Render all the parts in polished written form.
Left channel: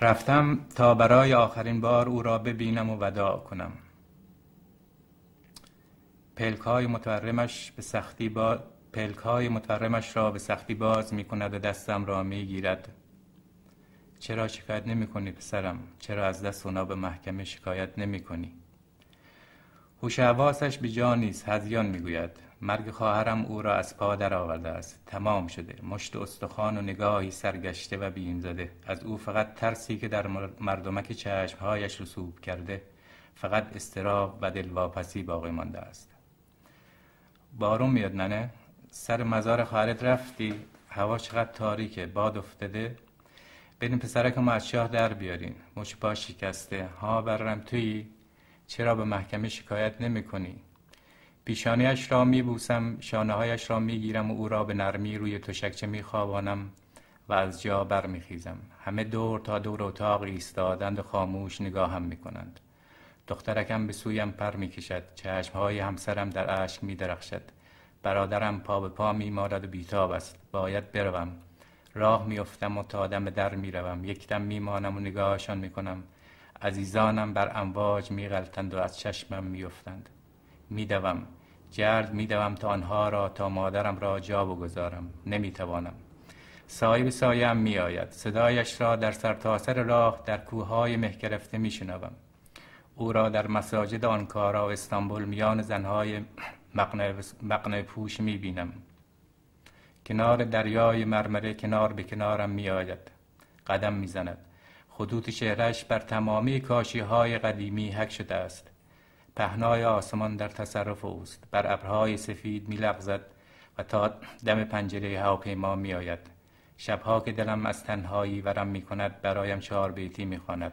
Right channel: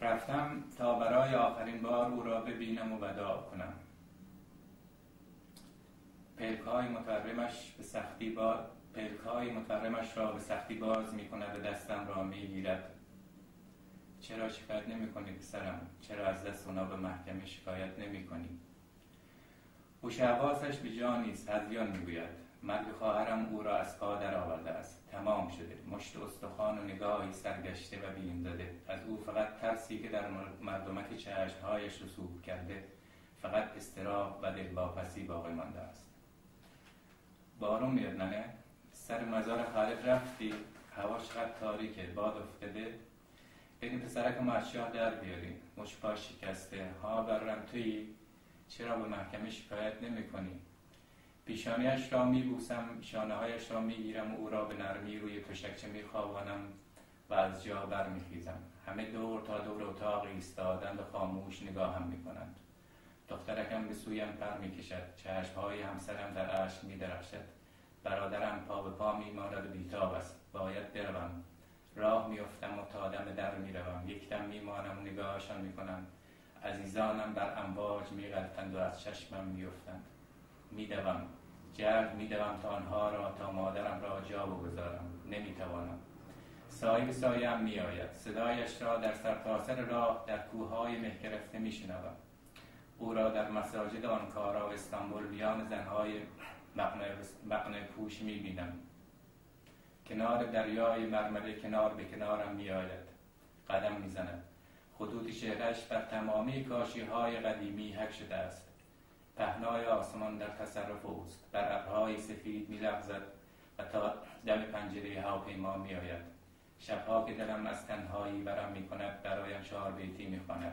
رفتم تا برای آخرین بار او را ببینم و وداع کنم. پلک‌های متورمش را به سختی باز می کند و دستم را می گیرد. چرا شکایت نمی کنی پسرم؟ چرا از دست اونا به محکمه شکایت نمی کنی؟ هوش حواسش به جا نیست. هذیان می گوید مرگ خواهرم او را از پا در آورده است. تمام شده. مشت استخوان و نگاهی سرگشته و بیم زده. از او فقط ترسی که در مردمک چشمهایش رسوب کرده، فقط اضطراب و دلواپسی باقی مانده است. بارون میاد ننه؟ سر مزار خالد رفتی؟ هوا چقدر تاریکه، باد افتاده. بریم پسرکمو از چاه در بیاریم. مچ پا شکسته. ها برم تویی؟ چرا به محکمه شکایت نمی کنی؟ پیشانیش را می بوسم، شانه‌هایش را می گیرم و او را به نرمی روی تشکچه می خوابانم و از جا بر می خیزم. همه دور تا دور اتاق ایستادند و خاموش نگاهم می کنند. دخترکم به سویم پر می کشد. چشمهای همسرم در اشک می درخشد. برادرم پا به پا می مالد و بیتاب است. باید بروم. راه می افتم و تا دم در می روم. یک دم می مانم و نگاهشان می کنم. عزیزانم بر امواج می غلطند و از چشمم می افتند. می دوم. جلد می دوم تا آنها را، تا مادرم را جا بگذارم. نمی توانم. سایه به سایه‌ام می آید. صدایش را در سرتاسر راه در کوههای مه گرفته می شنوم. او را در مساجد آنکارا و استانبول میان زنهای مقنعه پوش می بینم. کنار دریای مرمره کنار به کنارم می آید. قدم می زند. خطوط چهرهش بر تمامی کاشی‌های قدیمی حک شده است. پهنای آسمان در تصرف اوست. بر ابرهای سفید می لغزد و تا دم پنجره هواپیما می آید. شبها که دلم از تنهایی ورم می کند برایم 4 بیتی می خواند.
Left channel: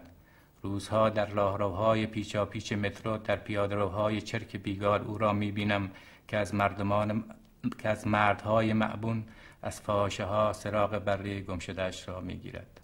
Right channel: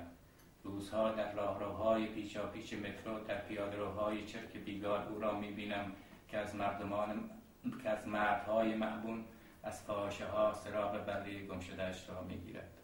روزها در راهروهای پیچاپیچ مترو در پیاده‌روهای چرک بیگار او را می بینم که از مردهای معبون از فاحشه‌ها سراغ بره گمشده‌اش را می گیرد.